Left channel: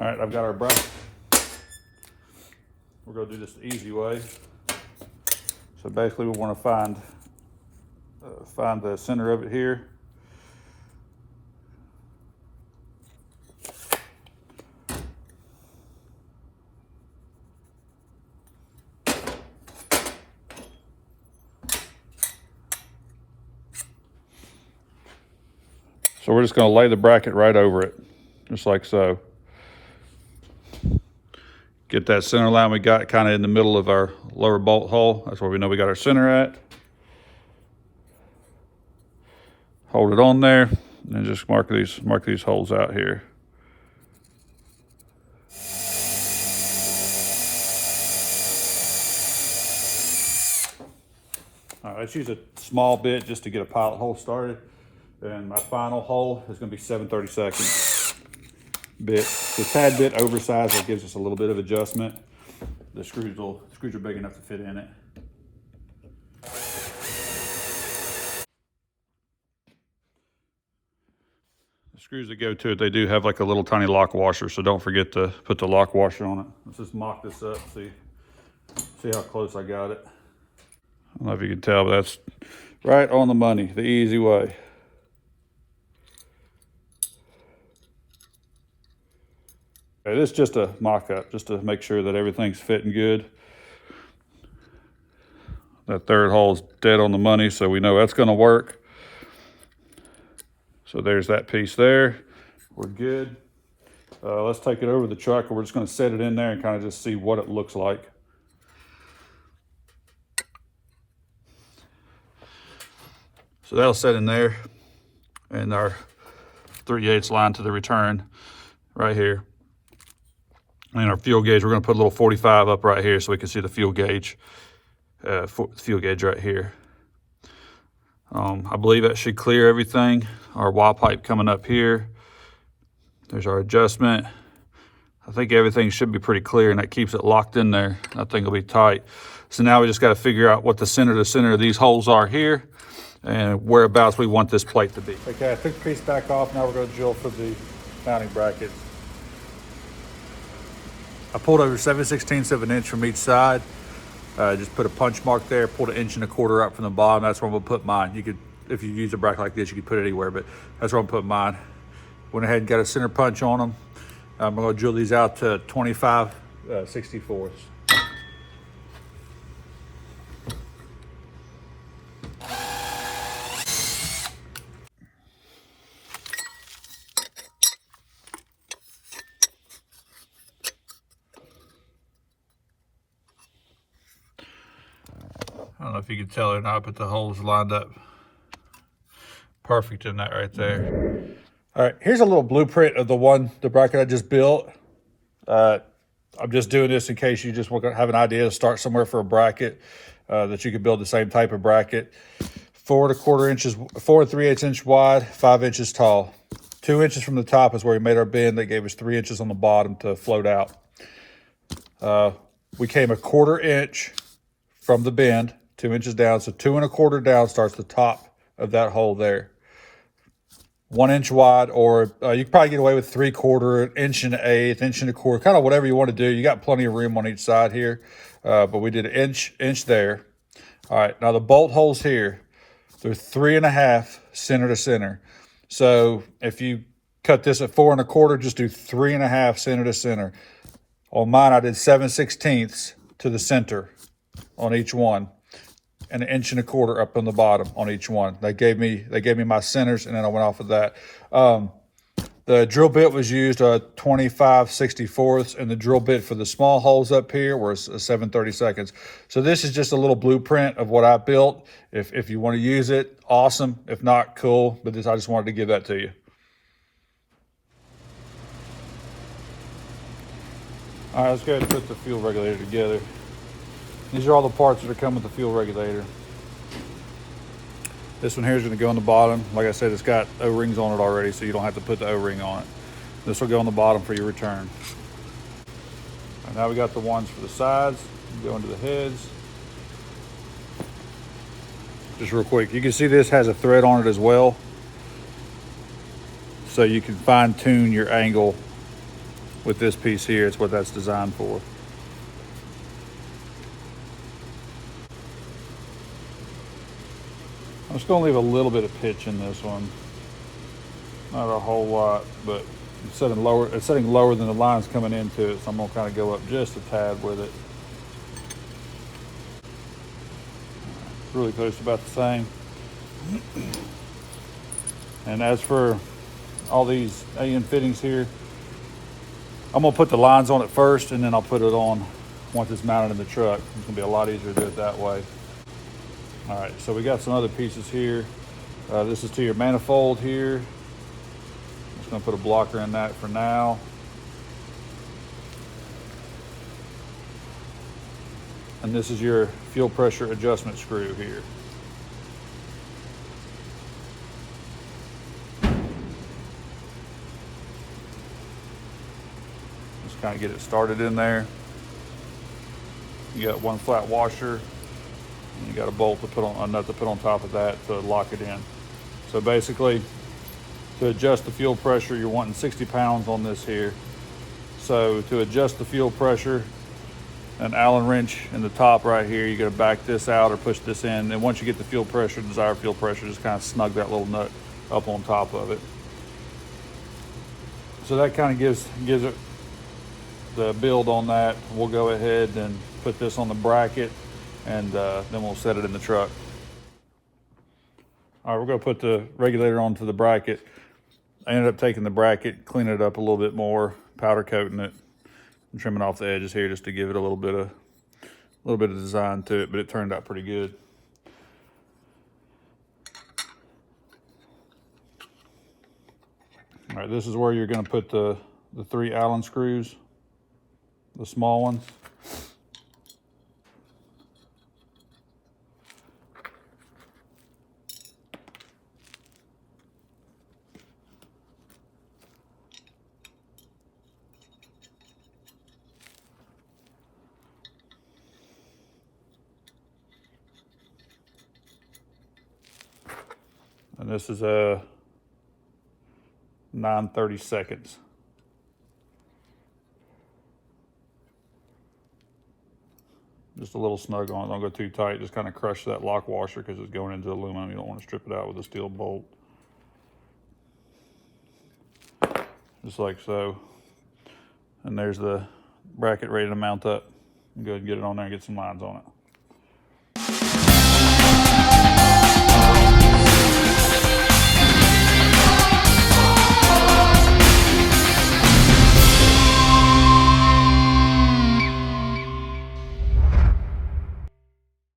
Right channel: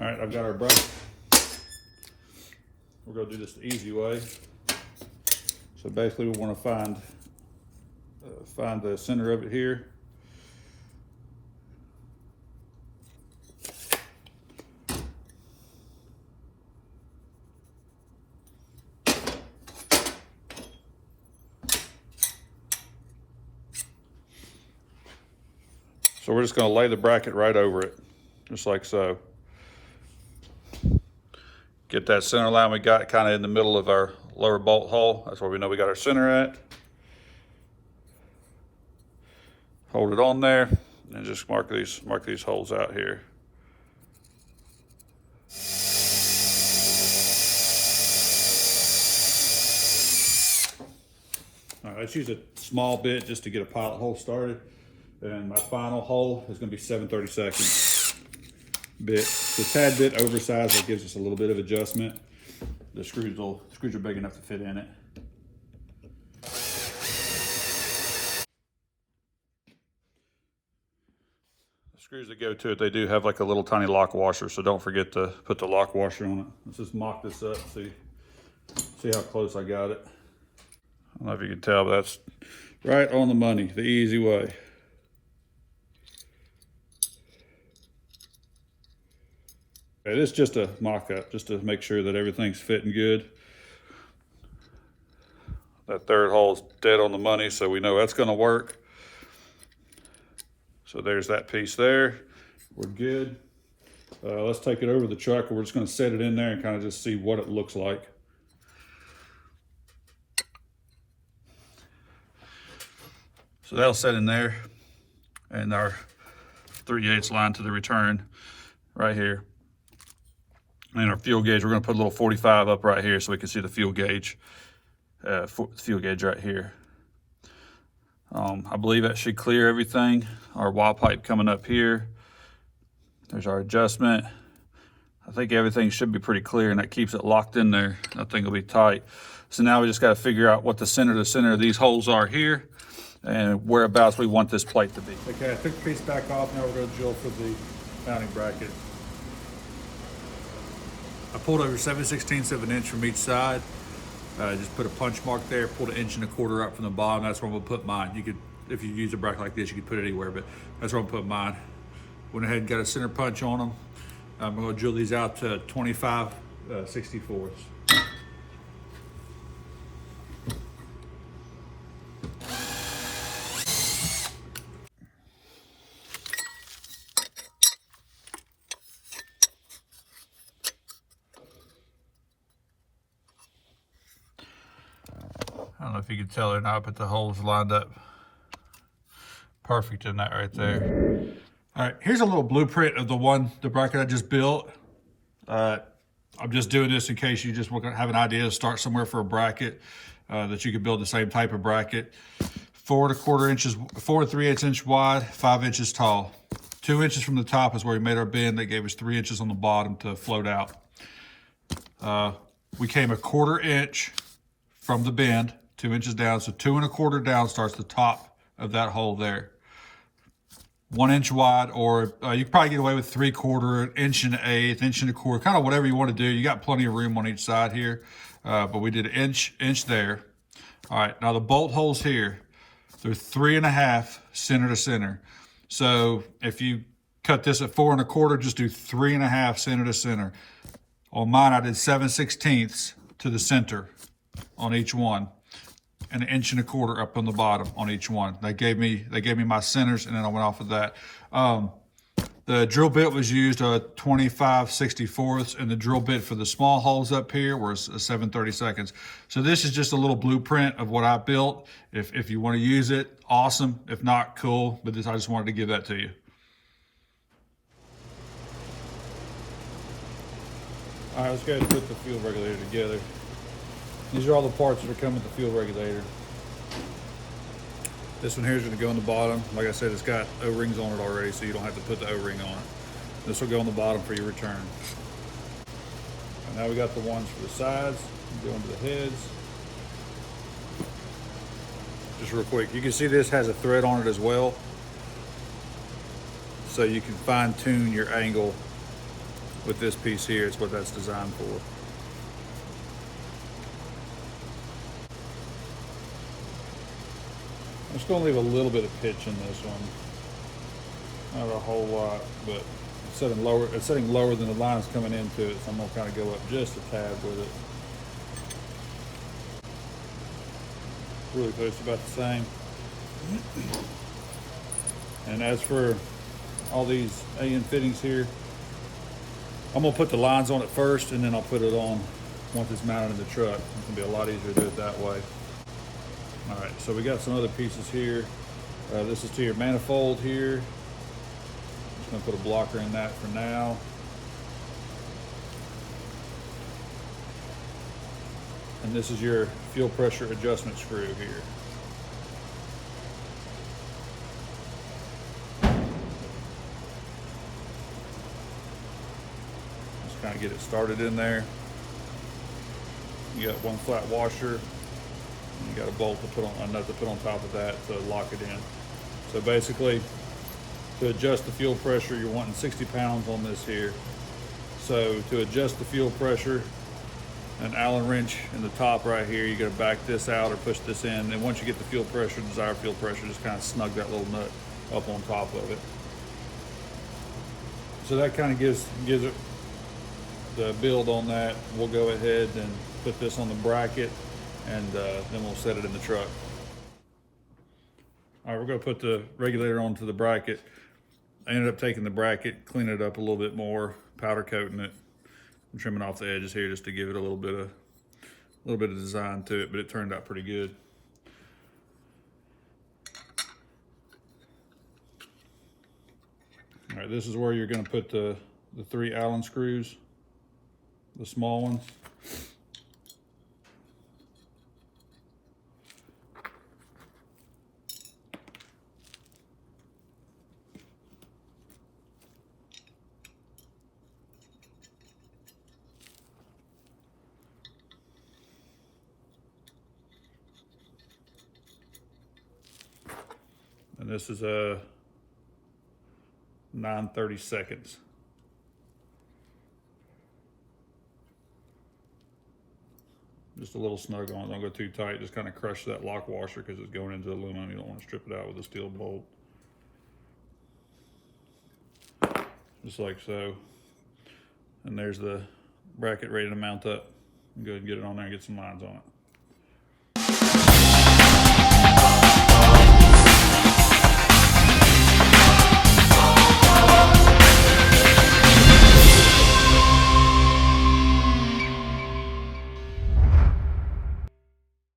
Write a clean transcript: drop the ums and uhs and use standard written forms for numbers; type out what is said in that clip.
All right, I've got our bracket. We're gonna do this the easy way. So basically we wanna find the center of it here. So we're just gonna lay the bracket right over it, just like so. Get that center line we got kind of in the middle of our lower bolt hole. That's where we know we got our center at. Hold it on there and just mark these holes out here. All right, let's use a small bit just to get a pilot hole started. And my final hole is gonna be 7/32 bit. It's a tad bit oversized, that gives us a little bit of adjustment. The screws are big enough to fit in it. The screws that go to it, they do have like a little tiny lock washer, so don't forget to put the lock washer on it. Let's just mock this up, see how close I got it. I don't know if you can tell, but that's right on the money, the easy way. Okay, this is just a mock-up, just to make sure that everything's fitting good. That third hole is dead on the money, so we know that's gonna work. So there's that piece there. We're good. Let's take it over the truck, and we're just gonna set it in there and kind of just see what it looks like. So that'll set in there, and our 3/8 line to the return right here. And our fuel gauge, we're gonna put a little 45 up right here so we can see the fuel gauge, right here. I believe that should clear everything. Our wall pipe coming up here. There's our adjustment. I think everything should be pretty clear, and that keeps it locked in there. That thing will be tight. So now we just gotta figure out what the center of these holes are here and whereabouts we want this plate to be. Okay, I took the piece back off. Now we're gonna drill for the mounting bracket. I pulled over 7/16 of an inch from each side. Just put a punch mark there, pulled 1.25 inches up from the bottom. That's where I'm gonna put mine. You could, if you use a bracket like this, you could put it anywhere, but that's where I'm putting mine. Went ahead and got a center punch on them. I'm gonna drill these out to 25/64. I don't know if you can tell or not, but the holes lined up perfect in that right there. All right, here's a little blueprint of the bracket I just built. I'm just doing this in case you just want to have an idea to start somewhere for a bracket, that you could build the same type of bracket. 4 3/8 inch wide, 5 inches tall. 2 inches from the top is where we made our bend. That gave us 3 inches on the bottom to float out. We came 1/4 inch from the bend, 2 inches down. So 2 1/4 down starts the top of that hole there. 1 inch wide, or you could probably get away with 3/4, 1 1/8, 1 1/4, kind of whatever you want to do. You got plenty of room on each side here, but we did an inch there. All right, now the bolt holes here, they're 3 1/2 center to center. So if you cut this at 4 1/4, just do 3 1/2 center to center. On mine, I did 7/16 to the center on each one, and 1 1/4 inches up on the bottom on each one. They gave me my centers, and then I went off of that. The drill bit was used 25/64, and the drill bit for the small holes up here was 7/32. So this is just a little blueprint of what I built. If you want to use it, awesome. If not, cool. But I just wanted to give that to you. All right, let's go ahead and put the fuel regulator together. These are all the parts that come with the fuel regulator. This one here is going to go on the bottom. Like I said, it's got O-rings on it already, so you don't have to put the O-ring on it. This will go on the bottom for your return. And now we got the ones for the sides. Go into the heads. Just real quick, you can see this has a thread on it as well, so you can fine tune your angle with this piece here. It's what that's designed for. I'm just gonna leave a little bit of pitch in this one. Not a whole lot, but it's setting lower than the lines coming into it, so I'm gonna kind of go up just a tad with it. Really close to about the same. And as for all these alien fittings here, I'm gonna put the lines on it first, and then I'll put it on once it's mounted in the truck. It's gonna be a lot easier to do it that way. All right, so we got some other pieces here. This is to your manifold here. I'm just gonna put a blocker in that for now. And this is your fuel pressure adjustment screw here. Just kind of get it started in there. You got one flat washer, and you got a bolt to put on, a nut to put on top of that to lock it in. So basically, to adjust the fuel pressure, you're wanting 60 pounds on this here. So to adjust the fuel pressure, an Allen wrench in the top right here, you gotta back this out or push this in, and once you get the fuel pressure, desired fuel pressure, just kind of snug that little nut up on top of it. So that kind of gives it the build on that. We'll go ahead and put this on the bracket, and then we'll set it in the truck. All right, we're gonna put the regulator onto the bracket. I ended up taking the bracket, cleaning it up a little bit more, powder coating it, and trimming off the edges here just to give it a little bit of design to it, but it turned out pretty good. All right, this is where you're gonna put the 3 Allen screws, the small ones. And this is a 9/32. Just a little snug on it, don't go too tight, just kind of crush that lock washer because it's going into aluminum. You don't want to strip it out with a steel bolt. Just like so. And there's the bracket ready to mount up. Go ahead and get it on there and get some lines on it.